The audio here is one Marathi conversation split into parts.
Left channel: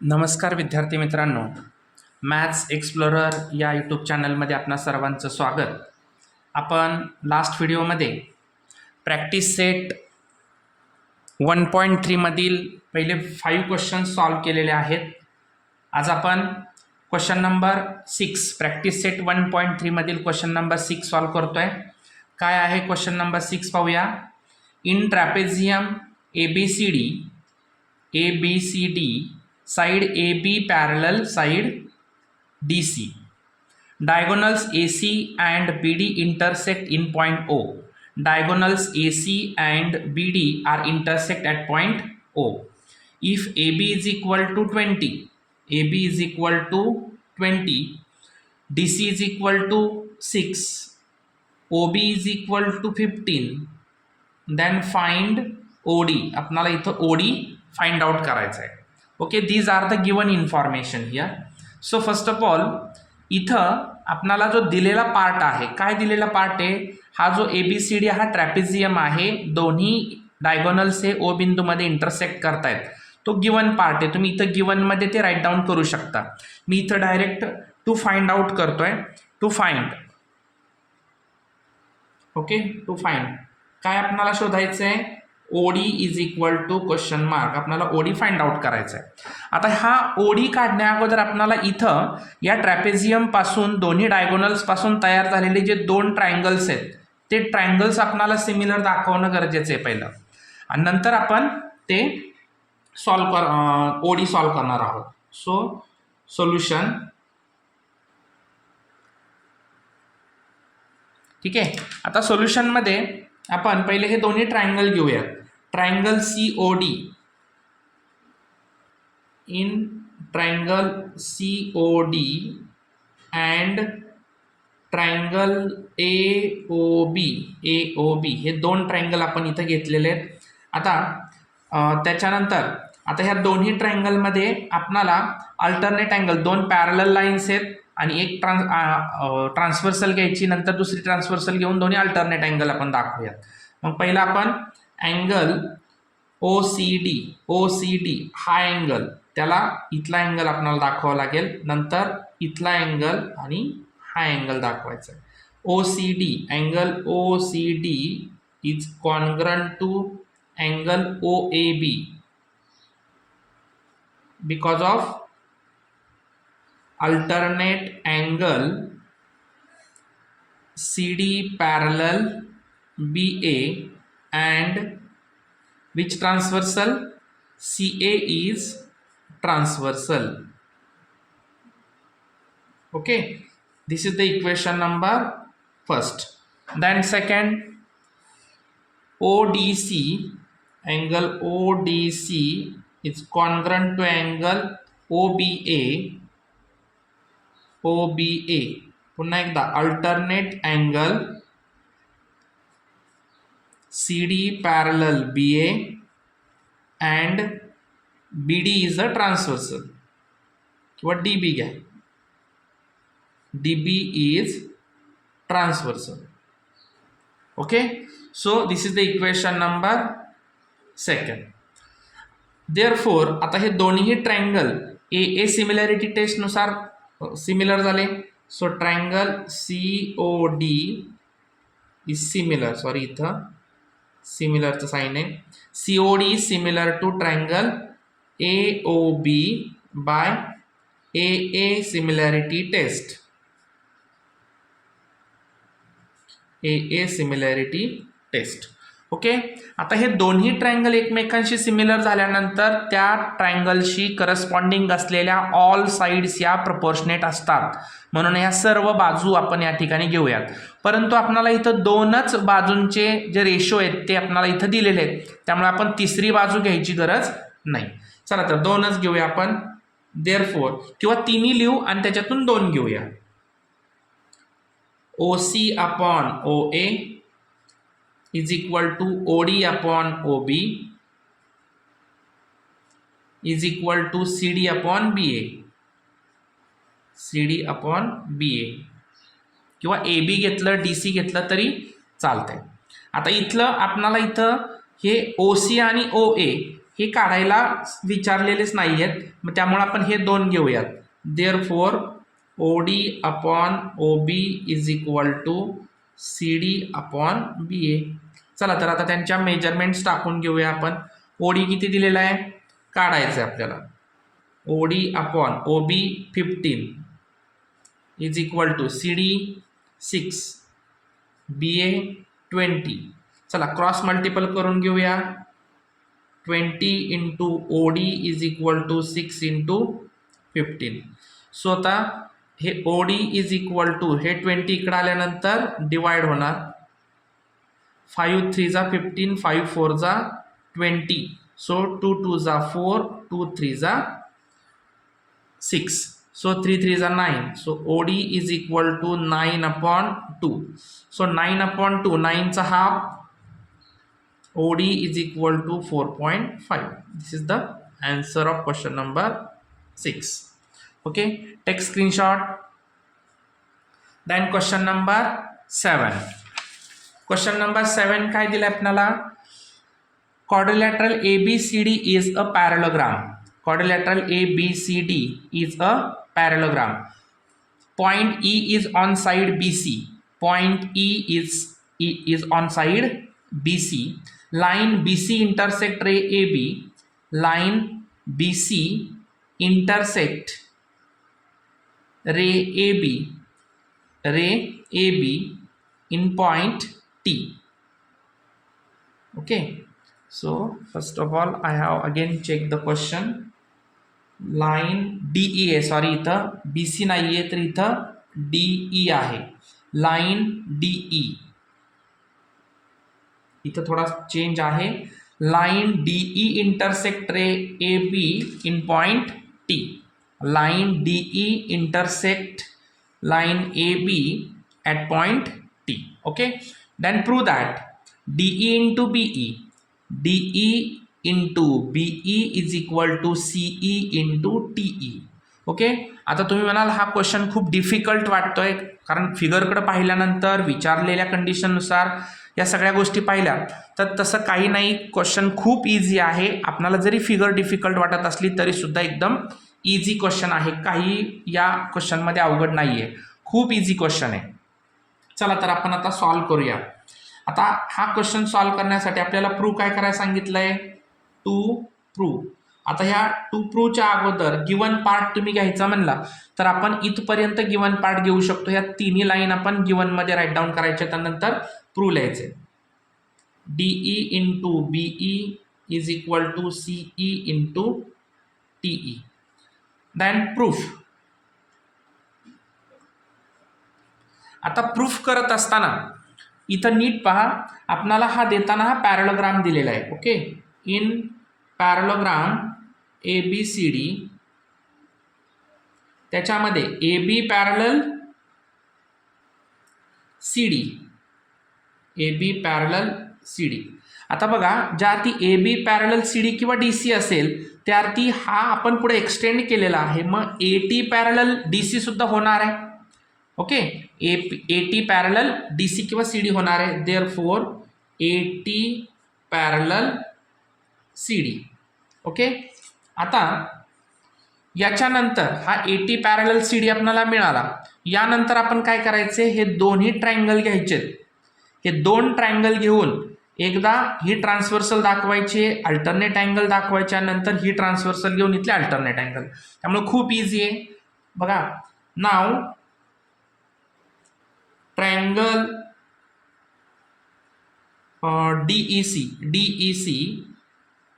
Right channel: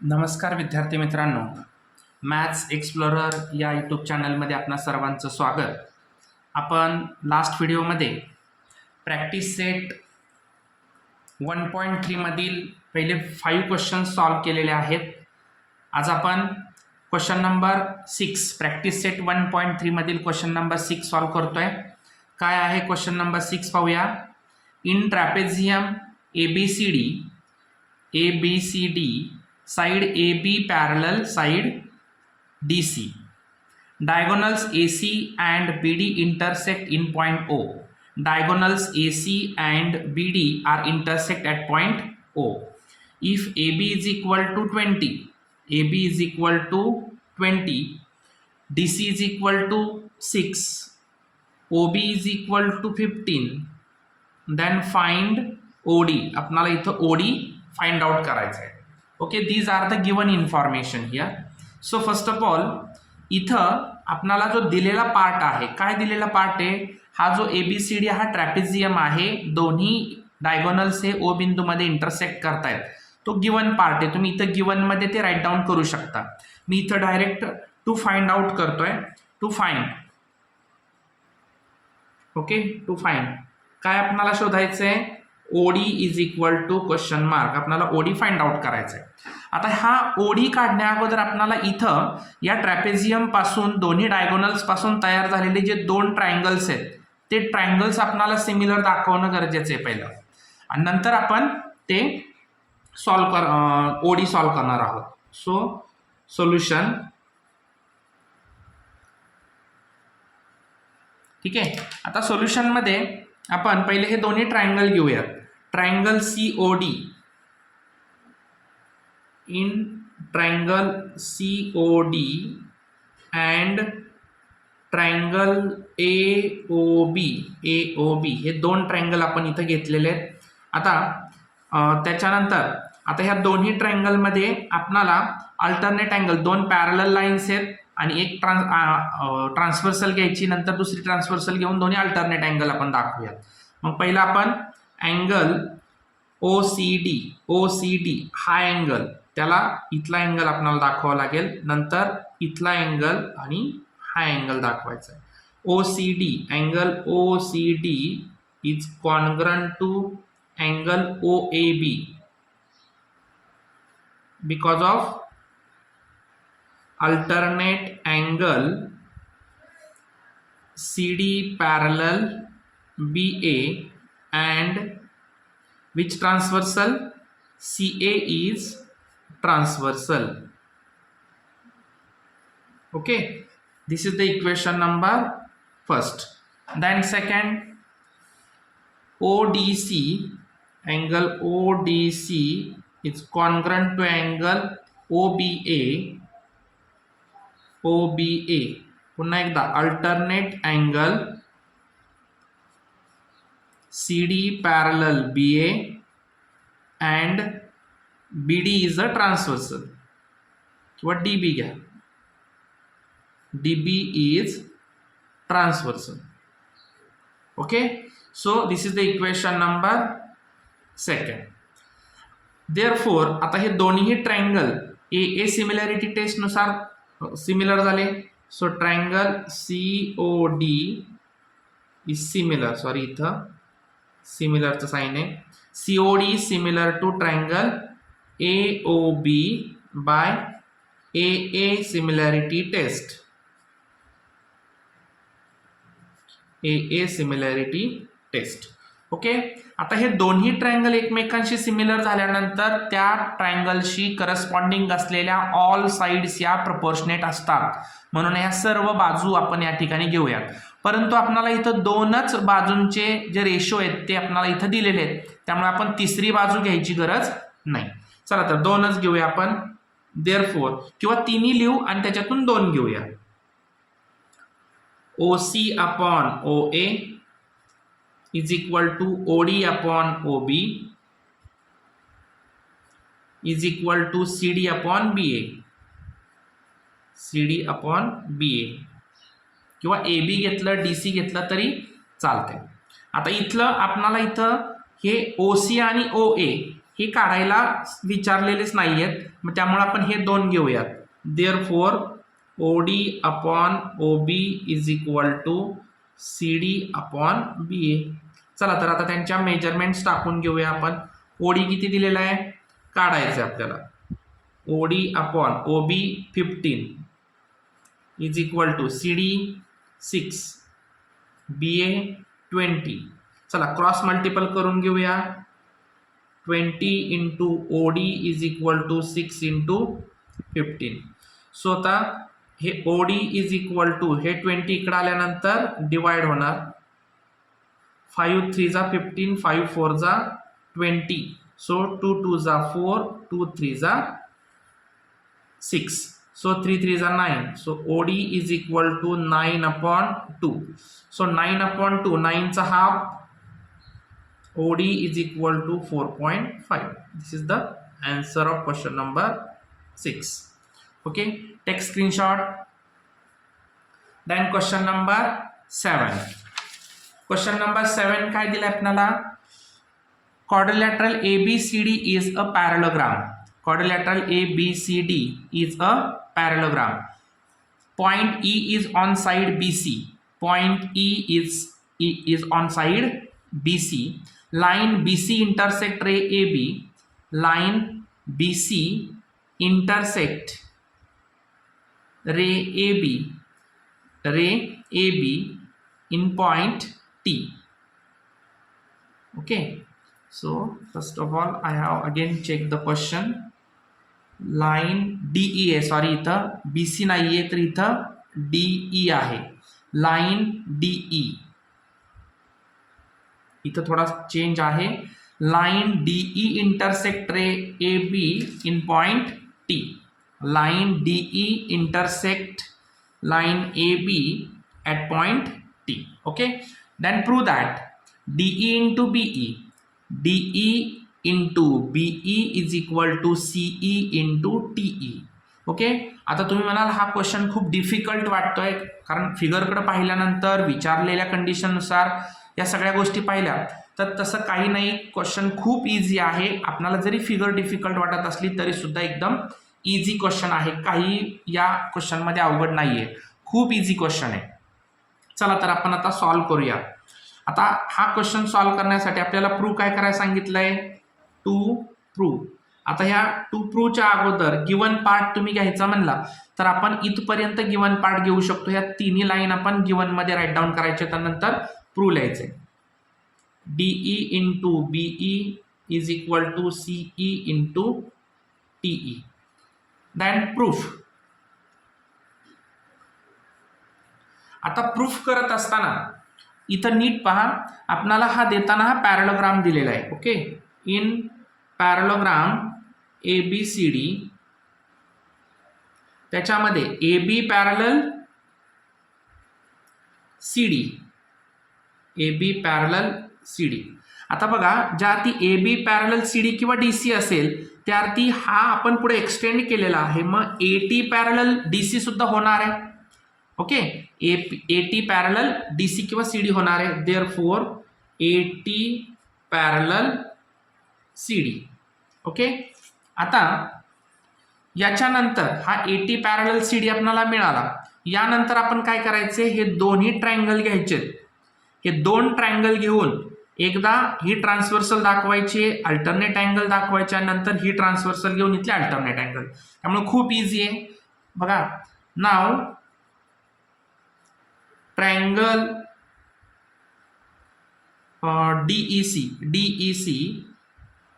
नमस्कार विद्यार्थी मित्रांनो, मॅथ्स एक्सप्लोरर या यूट्यूब चॅनलमध्ये आपणा सर्वांचं स्वागत. आपण लास्ट व्हिडिओमध्ये प्रॅक्टिस सेट 1.3 मधील पहिले 5 क्वेश्चन्स सॉल्व केलेले आहेत. आज आपण क्वेश्चन नंबर 6 प्रॅक्टिस सेट 1.3 मधील क्वेश्चन नंबर 6 सॉल्व करतोय. काय आहे क्वेश्चन नंबर 6 पाहूया. In trapezium ABCD side AB parallel side DC. Diagonals AC and BD intersect in point O. Diagonals AC and BD are intersect at point O. If AB is equal to 20, AB is equal to 20, DC is equal to 6, OB is equal to 15, then find OD. आपल्याला इथं OD फाइंड आउट करायचं आहे. Okay, these are the given information here. So first of all इथं आपल्याला जो दिलेला पार्ट आहे, काय दिलेला पार्ट आहे, हा जो ABCD हा ट्रॅपेझियम आहे, दोन्ही डायगोनल्स हे O बिंदूमध्ये इंटरसेक्ट करतायत, तो गिवन पार्ट आहे. तुम्ही इथं गिवनमध्ये ते राईट डाऊन करू शकता. मी इथं डायरेक्ट टू फाइंड आउट करतोय. To find, okay, to find काय आपल्याला शोधायचं आहे, OD is equal to question mark. आपल्याला OD फाइंड आउट करायचं आहे. आता हा OD काढण्या अगोदर आपल्याला इथं या ट्रॅपेझियम पासून दोन्ही डायगोनल्स पासून तयार झालेले जे दोन ट्रायंगल्स आहेत, ते ट्रायंगल्स आपल्याला सिमिलर दाखवणं गरजेचं आहे पहिलं, आणि नंतर आपण ते OD सॉल्व करणार आहोत. सो सोल्युशन, ठीक आहे. आता सोल्युशनमध्ये आपण पहिले हे दोन्ही ट्रायंगल घेऊयात. Triangle COD, in triangle COD and triangle AOB हे दोन ट्रायंगल आपण इथं घेतलेले आहेत. आता त्याच्यानंतर आता ह्या दोन्ही ट्रायंगलमध्ये आपणाला अल्टरनेट अँगल, दोन पॅरलल लाईन्स आहेत आणि एक ट्रान्सव्हर्सल घ्यायची, नंतर दुसरी ट्रान्सव्हर्सल घेऊन दोन्ही अल्टरनेट अँगल आपण दाखवूयात. मग पहिला आपण अँगल OCD हा अँगल, त्याला इथला अँगल आपल्याला दाखवावा लागेल, नंतर इथला अँगल आणि हा अँगल दाखवायचा आहे. Angle OCD is congruent to angle OAB because of alternate angle CD parallel BA and which transversal, CA is transversal. Okay, this is the equation number first. Then second, ODC, angle ODC is congruent to angle OBA. पुन्हा एकदा alternate angle CD parallel BA and BD is a transversal, किंवा DB घ्या, DB is transversal. Okay, so this is the equation number second. Therefore आता हे दोन्ही ट्रायंगल AA सिमिलॅरिटी टेस्ट नुसार सिमिलर झाले. So triangle COD is similar, sorry इथं सिमिलरचं साईन आहे. COD similar to triangle AOB by AA similarity test. AA similarity test. Okay, आता हे दोन्ही ट्रायंगल एकमेकांशी सिमिलर झाल्यानंतर त्या ट्रायंगलशी करस्पॉन्डिंग असलेल्या ऑल साइड्स या प्रपोर्शनेट असतात, म्हणून या सर्व बाजू आपण या ठिकाणी घेऊयात. परंतु आपल्याला इथं दोनच बाजूंचे जे रेशो आहेत ते आपल्याला इथं दिलेले आहेत, त्यामुळे आपण तिसरी बाजू घ्यायची गरज नाही. चला तर दोनच घेऊया आपण. देअरफोर, किंवा तिन्ही लिहू आणि त्याच्यातून दोन घेऊया. OC upon OA is equal to OD upon OB is equal to CD upon BA. CD upon BA, किंवा AB घेतलं DC घेतलं तरी चालतंय. आता इथलं आपणाला इथं हे OC आणि OA हे काढायला विचारलेलेच नाही आहेत, मग त्यामुळे आपण हे 2 घेऊयात. Therefore OD upon OB is equal to CD upon BA. चला तर आता त्यांच्या मेजरमेंट्स टाकून घेऊया आपण. OD किती दिलेला आहे काढायचं आहे आपल्याला. OD upon OB 15 is equal to CD 6, BA 20. चला क्रॉस मल्टिपल करून घेऊया. 20 into OD is equal to 6 into 15. So आता हे OD इज इक्वल टू हे 20 इकडे आल्यानंतर डिवाइड होणार. 5 3 जा 15, 5 4 जा 20. सो 2 2 जा 4, 2 3 जा 6. So 3 3 is 9. So OD is equal to 9 upon 2. So 9 upon 2, 9 is a half. OD is equal to 4.5. This is the answer of question number 6. Okay, take screenshot. Then question number 7. Question number 7 काय दिलं आपल्याला? Quadrilateral ABCD is a parallelogram. Quadrilateral ABCD is a parallelogram. Point E is on side BC. Point E is on side BC. Line BC intersect ray AB. Line BC intersect ray AB. Ray AB in point T. Okay. So first of all, I have again checked the question. Line DE आहे, सॉरी इथं BC नाही आहे तर इथं DE आहे. लाइन DE इथं थोडा चेंज आहे. Line DE intersect ray AB in point T. Line DE intersect line AB at point T. Okay, then prove that DE into BE, DE into BE is equal to CE into TE. Okay, आता तुम्ही म्हणाल हा क्वेश्चन खूप डिफिकल्ट वाटतोय कारण फिगरकडे पाहिल्यानंतर विचारलेल्या कंडिशननुसार या सगळ्या गोष्टी पाहिल्या तर तसं काही नाही. क्वेश्चन खूप इझी आहे. आपल्याला जरी फिगर डिफिकल्ट वाटत असली तरी सुद्धा एकदम इझी क्वेश्चन आहे. काही या क्वेश्चनमध्ये अवघड नाही आहे, खूप इझी क्वेश्चन आहे. चला तर आपण आता सॉल्व करूया. आता हा क्वेश्चन सॉल्व करण्यासाठी आपल्याला प्रूव्ह काय करायला सांगितलंय? To prove. आता ह्या टू प्रूव्हच्या अगोदर गिवन पार्ट तुम्ही घ्यायचा म्हणला तर आपण इथपर्यंत गिवन पार्ट घेऊ शकतो. ह्या तिन्ही लाईन आपण गिवन मध्ये राईट डाऊन करायचे, त्यानंतर प्रूव्ह लिहायचे. DE into BE is equal to CE into TE. Then proof. आता प्रूफ करत असताना इथं नीट पहा, आपणाला हा देताना हा पॅरलोग्राम दिलेला आहे. ओके, इन पॅरलोग्राम ABCD त्याच्यामध्ये AB parallel CD, AB parallel CD. आता बघा, ज्या अर्थी AB पॅरलल CD किंवा DC असेल त्या अर्थी हा आपण पुढे एक्सटेंड केलेला आहे, मग AT पॅरलल DC सुद्धा होणार आहे. ओके, AT पॅरलल DC किंवा CD होणार आहे. Therefore AT parallel CD. Okay, आता याच्यानंतर हा AT पॅरलल CD आपल्याला मिळाला. यानंतर आपण काय करायचे, हे दोन्ही ट्रायंगल घ्यायचे. हे दोन ट्रायंगल घेऊन एकदा ही ट्रान्सव्हर्सल दाखवायची, अल्टरनेट अँगल दाखवायच्या, नंतर ही ट्रान्सव्हर्सल घेऊन इथले अल्टरनेट अँगल. त्यामुळे खूप इझी आहे. बघा, नाव triangle DEC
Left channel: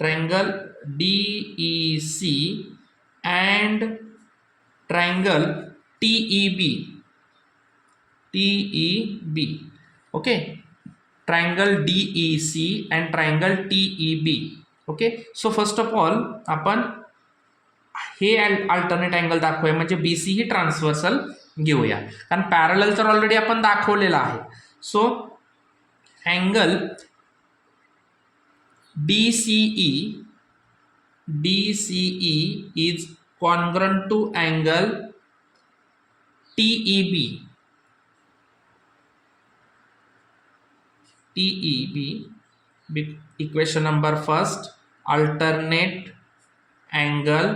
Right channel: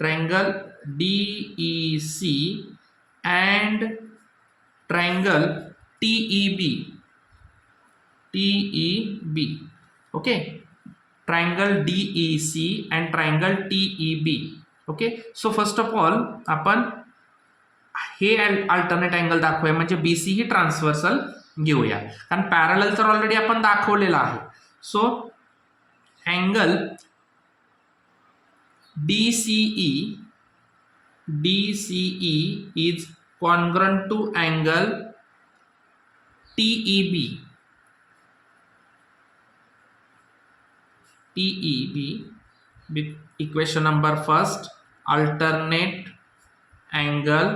triangle DEC and triangle TEB. Okay, triangle DEC and triangle TEB. Okay, so first of all आपण हे अल्टरनेट अँगल दाखवूया, म्हणजे BC ही ट्रान्सव्हर्सल घेऊया कारण पॅरलल तर ऑलरेडी आपण दाखवलेला आहे. So angle DCE is congruent to angle TEB. Equation number first, alternate angle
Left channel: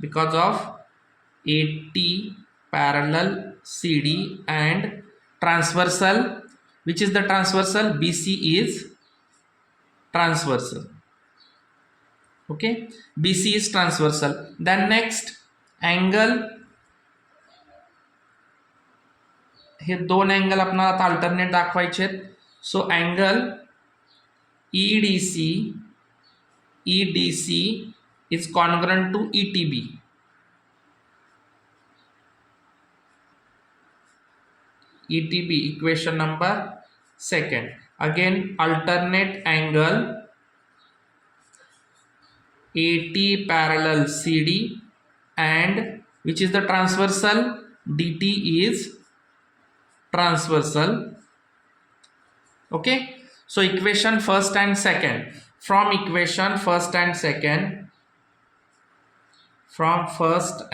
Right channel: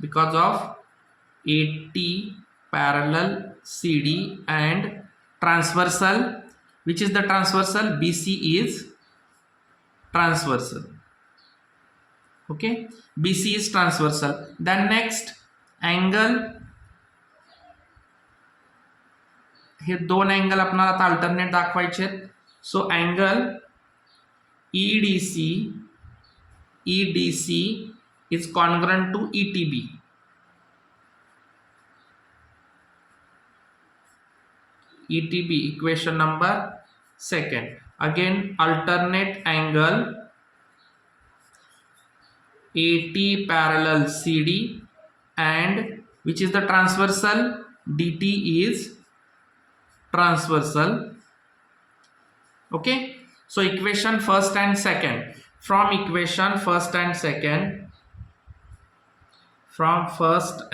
because of AT parallel CD and transversal. Which is the transversal? BC is transversal. Okay, BC is transversal. Then next angle, हे दोन अँगल आपल्याला आता अल्टरनेट दाखवायचे आहेत. So angle EDC is congruent to ETB. ETB equation number second. Again alternate angle AT parallel CD and which is the transversal? DT is transversal. Okay, so equation first and second. From equation first and second, from first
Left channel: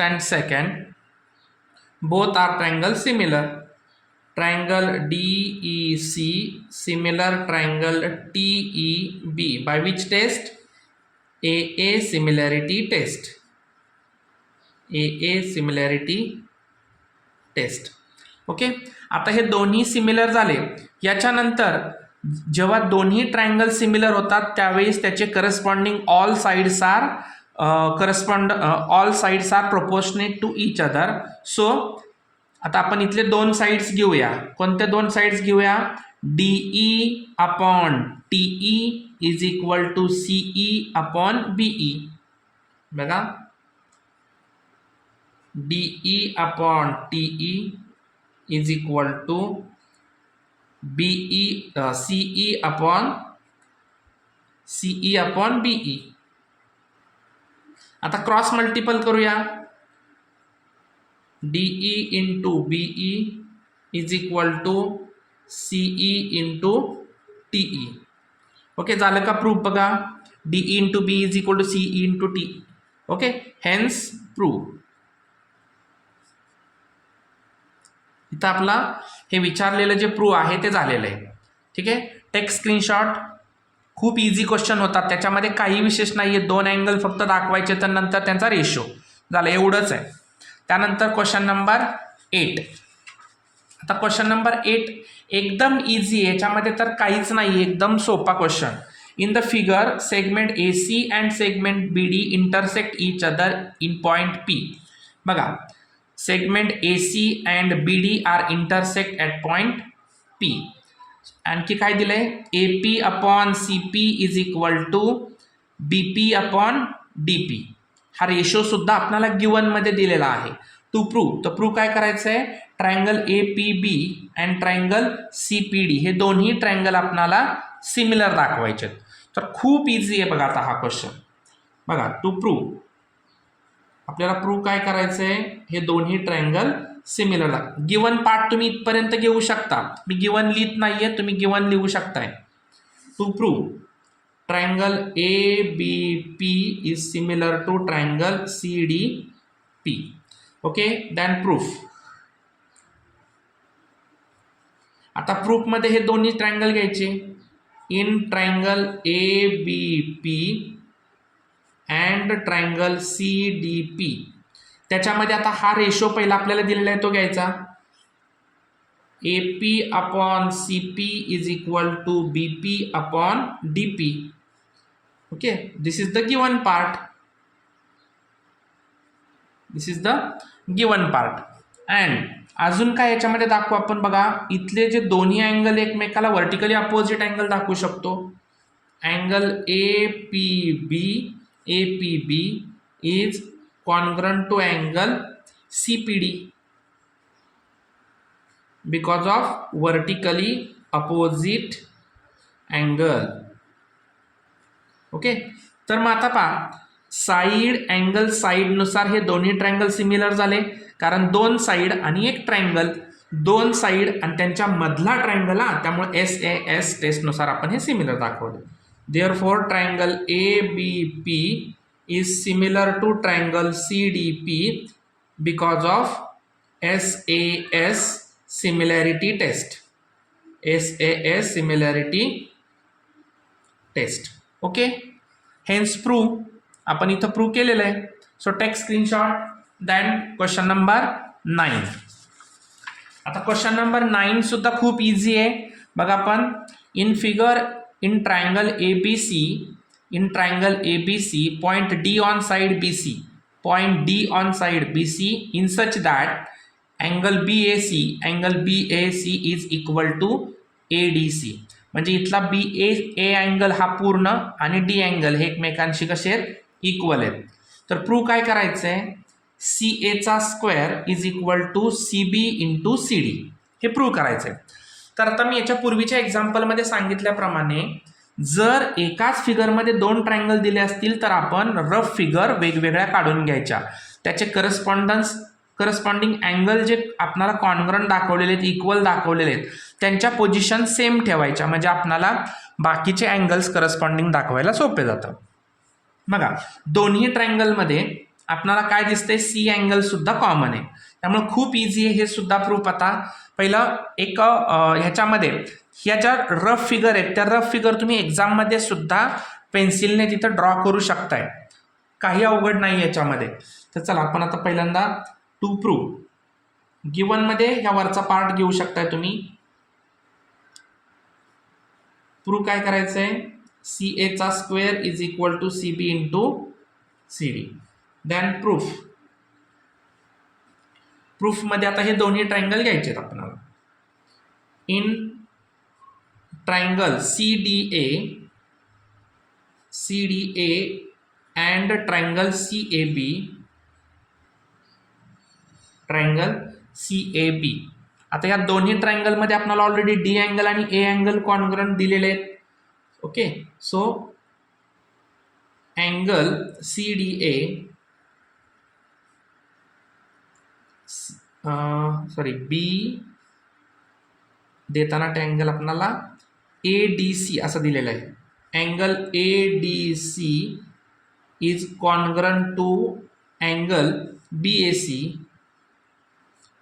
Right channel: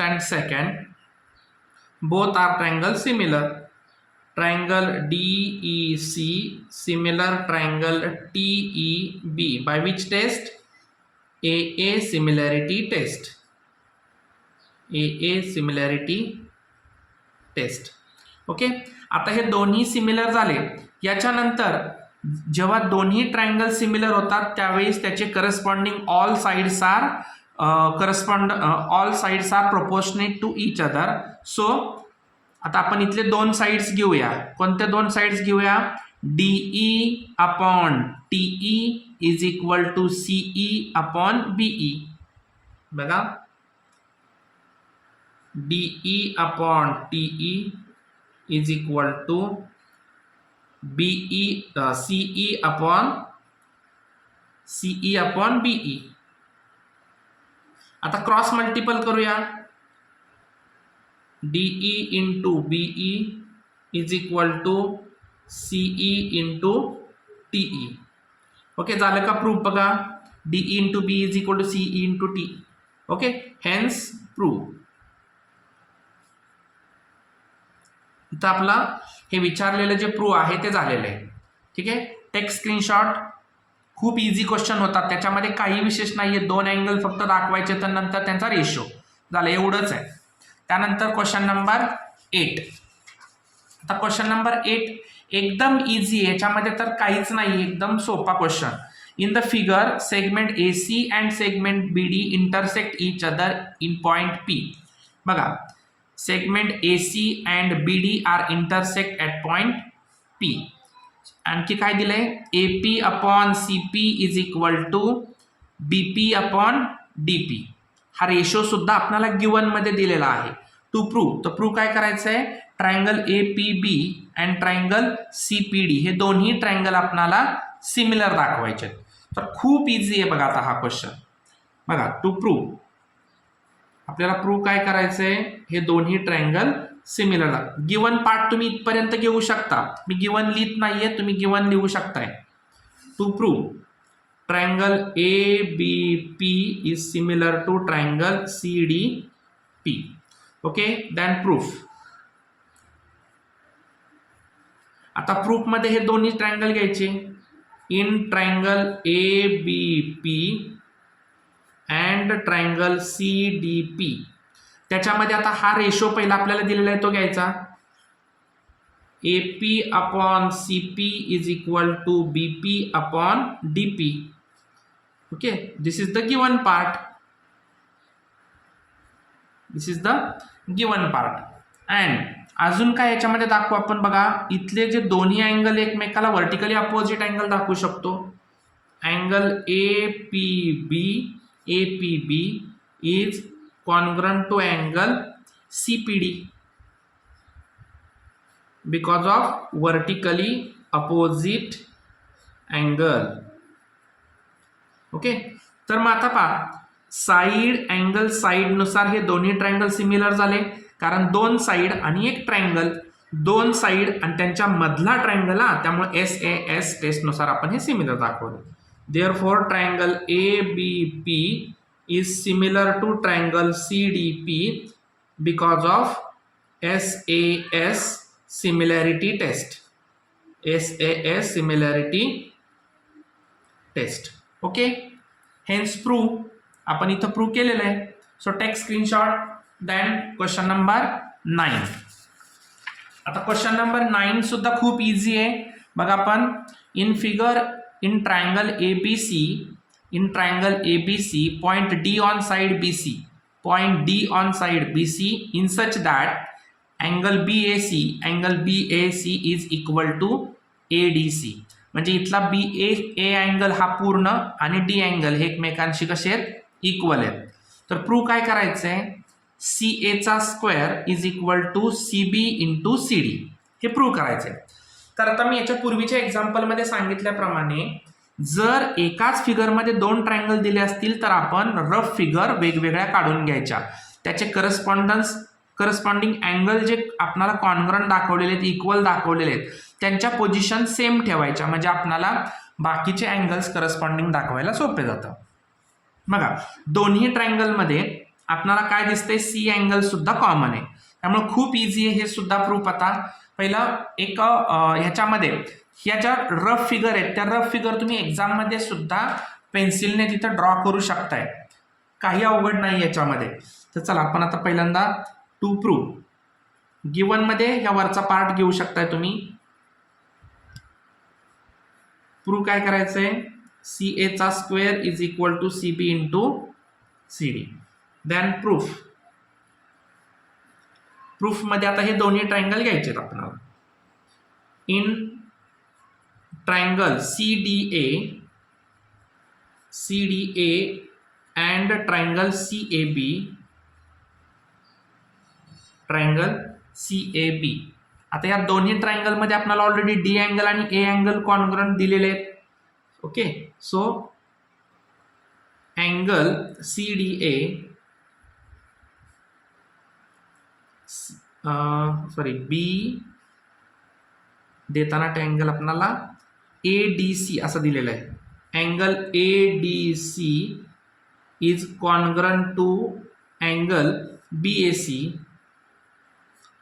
and second, both are triangle similar. Triangle DEC similar triangle TEB by which test? AA similarity test. AA similarity test. Okay, आता हे दोन्ही सिमिलर झाले. याच्यानंतर जेव्हा दोन्ही ट्रायंगल सिमिलर होतात त्यावेळेस त्याचे corresponding all sides are proportionate to each other. So आता आपण इथले दोन साइड्स घेऊया. कोणते दोन साइड्स घेऊया? DE upon TE is equal to CE upon BE. बघा, DE upon TE is equal to CE upon BE. आता क्रॉस मल्टिपल करूया. DE into BE is equal to CE into TE. Okay, झालं का प्रूफ? बघा, DE into BE is equal to CE into TE. Okay, hence proof. इथं आपला हे विचारलेलं जे प्रूफ आहे ते झालेलं आहे. ठीक आहे, टेक स्क्रीनशॉट. खूप इझी क्वेश्चन होतात, त्याच्यामध्ये काही विशेष नाही आहे. दोन अँगल फक्त दाखवायचे तर नंतर त्यांचा रेशो झालं, एवढंच आहे. त्यानंतर क्वेश्चन नंबर 8. आता क्वेश्चन नंबर 8 एकदम इझी आहे, याच्यामध्ये तर काहीच नाही, एकदम सोपा question. In the figure segment AC and segment BD intersect each other in point P. बघा, segment AC and BD are intersect at point P. आणखी काय दिलंय? AP upon CP is equal to BP upon DP. हा रेशो सुद्धा आपल्याला गिवन मध्ये दिलेला आहे. टू प्रूव्ह, तर प्रूव्ह काय करायचं आहे? Triangle APB and triangle CPD हे दोन्ही ट्रायंगल आपल्याला सिमिलर दाखवायचे. तर खूप इझी आहे बघा आता हा क्वेश्चन. बघा, टू प्रूव्ह आपल्याला प्रूव्ह काय करायचंय? हे दोन्ही ट्रायंगल सिमिलर. गिवन पार्ट तुम्ही इथपर्यंत घेऊ शकता, मी गिवन लिहित नाहीये, तुम्ही गिवन लिहू शकताय. To prove triangle ABP is similar to triangle CDP. Okay, then proof. आता प्रूफ मध्ये हे दोन्ही ट्रायंगल घ्यायचे. In triangle ABP and triangle CDP, त्याच्यामध्ये आता हा रेशो पहिला आपल्याला दिलेला आहे तो घ्यायचा. AP upon CP is equal to BP upon DP. Okay, this is the given part. This is the given part. And अजून काय याच्यामध्ये दाखवू आपण? बघा, इथले जे दोन्ही अँगल एकमेकाला व्हर्टिकली अपोजिट अँगल दाखवू शकतो. Angle APB is congruent to angle CPD because of vertically opposite angle. Okay, तर मग आता पहा, साइड अँगल साइड नुसार हे दोन्ही ट्रायंगल सिमिलर झाले, कारण दोन साइड आणि एक ट्रायंगल, दोन साइड आणि त्यांच्या मधला ट्रायंगल, त्यामुळे SAS टेस्ट नुसार आपण हे सिमिलर दाखवले. Therefore triangle ABP is similar to triangle CDP because of SAS similarity test. SAS similarity test. Okay, hence prove आपण इथं प्रूव्ह केलेलं आहे. So take screenshot. Then question number 9. आता क्वेश्चन नंबर 9 सुद्धा खूप इझी आहे. बघा आपण in figure in triangle ABC point D on side BC in such that angle BAC is equal to ADC. म्हणजे इथला A अँगल हा पूर्ण आणि D अँगल हे एकमेकांशी कसे आहेत, इक्वल आहेत. तर प्रूव्ह काय करायचं आहे, CA चा square is equal to CB into CD हे प्रूव्ह करायचं आहे. तर आता मी याच्या पूर्वीच्या एक्झाम्पलमध्ये सांगितल्याप्रमाणे जर एकाच फिगरमध्ये 2 ट्रायंगल दिले असतील तर आपण रफ फिगर वेगवेगळ्या काढून घ्यायच्या. त्याचे करस्पॉन्डिंग अँगल जे आपल्याला कॉन्ग्रंट दाखवलेले आहेत, इक्वल दाखवलेले आहेत, त्यांच्या पोझिशन सेम ठेवायच्या. म्हणजे आपल्याला बाकीचे अँगल्स करस्पॉन्डिंग दाखवायला सोपे जातं. बघा दोन्ही ट्रायंगलमध्ये आपल्याला काय दिसतंय, C अँगल सुद्धा कॉमन आहे. त्यामुळे खूप इझी आहे हे सुद्धा प्रूफ. आता पहिलं एक ह्याच्यामध्ये ह्या ज्या रफ फिगर आहेत त्या रफ फिगर तुम्ही एक्झाममध्ये सुद्धा पेन्सिलने तिथं ड्रॉ करू शकताय, काही अवघड नाही याच्यामध्ये. तर चला आपण आता पहिल्यांदा टू प्रूव्ह गिवनमध्ये ह्या वरचा पार्ट घेऊ शकताय तुम्ही. प्रूव्ह काय करायचं आहे, CA चा square is equal to CB into CD. Then proof मध्ये आता हे दोन्ही ट्रायंगल घ्यायचे आहेत आपल्याला. In triangle CDA and triangle CAB. आता या दोन्ही ट्रायंगल मध्ये आपल्याला ऑलरेडी D अँगल आणि A अँगल कॉन्ग्रंट दिलेले आहेत. Okay, so angle CDA B देताना ट्रायंगल आपल्याला ADC असं दिलेलं आहे. Angle ADC is congruent to angle BAC.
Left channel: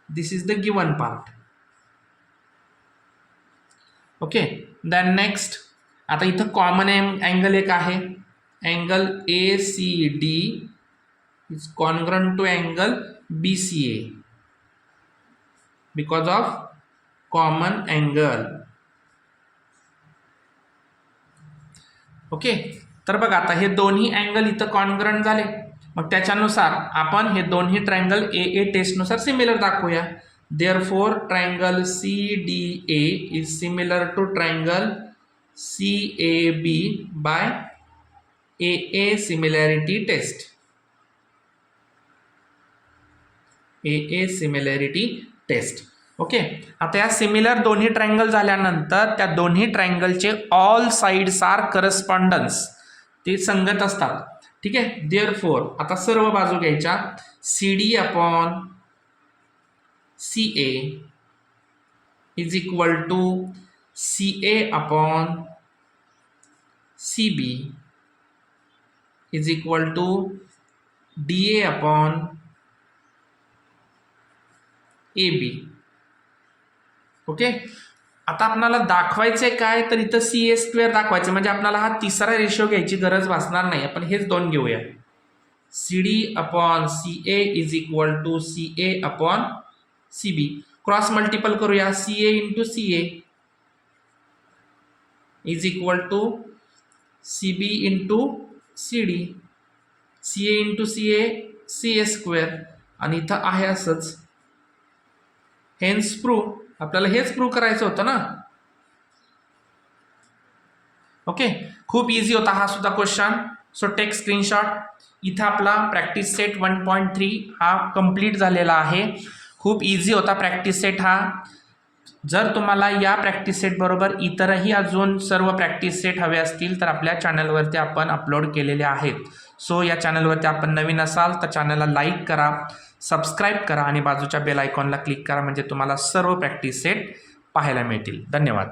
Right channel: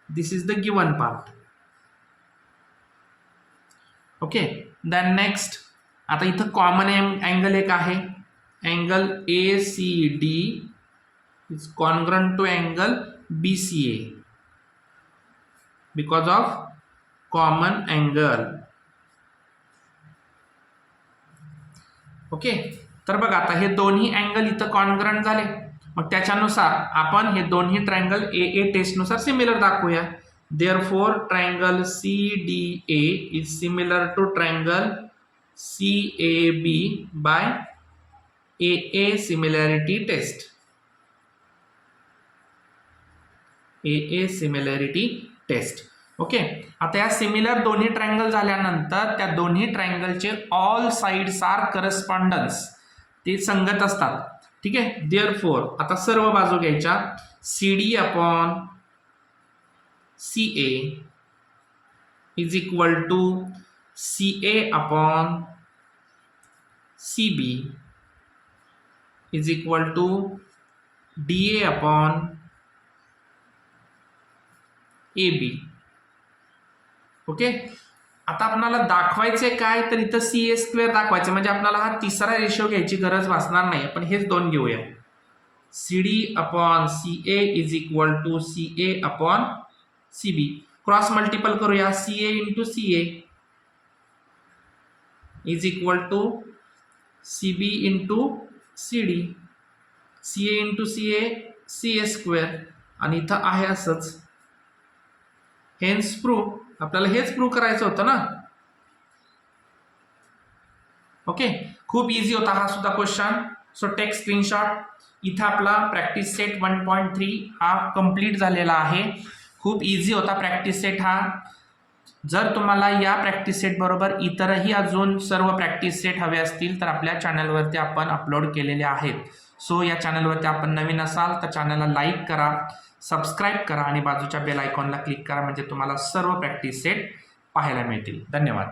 This is the given part. Okay, then next आता इथं कॉमन अँगल एक आहे, angle ACD is congruent to angle BCA because of common angle. Okay, तर बघा आता हे दोन्ही अँगल इथं कॉन्ग्रंट झाले. मग त्याच्यानुसार आपण हे दोन्ही ट्रायंगल AA टेस्टनुसार सिमिलर दाखवूया. Therefore triangle CDA is similar to triangle CAB by AA similarity test. Okay, आता या सिमिलर दोन्ही ट्रायंगल झाल्यानंतर त्या दोन्ही ट्रायंगलचे ऑल साइड्स आर करस्पॉन्डन्स, ते संगत असतात. ठीक आहे, देअरफॉर आता सर्व बाजू घ्यायच्या. CD upon CA is equal to CA upon CB is equal to DA upon AB. Okay, आता आपल्याला दाखवायचंय काय, तर इथं CA स्क्वेअर दाखवायचं. म्हणजे आपल्याला हा तिसरा रेशो घ्यायची गरज भासणार नाही, आपण हेच दोन घेऊया. CD upon CA is equal to CA upon CB. Cross multiple करूया, CA into CA is equal to CB into CD. CA into CA square आणि इथं आहे असंच. हेन्स प्रूव्ह, आपल्याला हेच प्रूव्ह करायचं होतं ना. ओके, खूप इझी होता हा सुद्धा क्वेश्चन. So take screenshot. इथं आपला प्रॅक्टिस सेट 1.3 हा कंप्लीट झालेला आहे. खूप इझी होता प्रॅक्टिस सेट हा. जर तुम्हाला या प्रॅक्टिस सेट बरोबर इतरही अजून सर्व प्रॅक्टिस सेट हवे असतील तर आपल्या चॅनलवरती आपण अपलोड केलेले आहेत. सो या चॅनलवरती आपण नवीन असाल तर चॅनलला लाईक करा, सबस्क्राईब करा आणि बाजूच्या बेल आयकॉनला क्लिक करा, म्हणजे तुम्हाला सर्व प्रॅक्टिस सेट पाहायला मिळतील. धन्यवाद.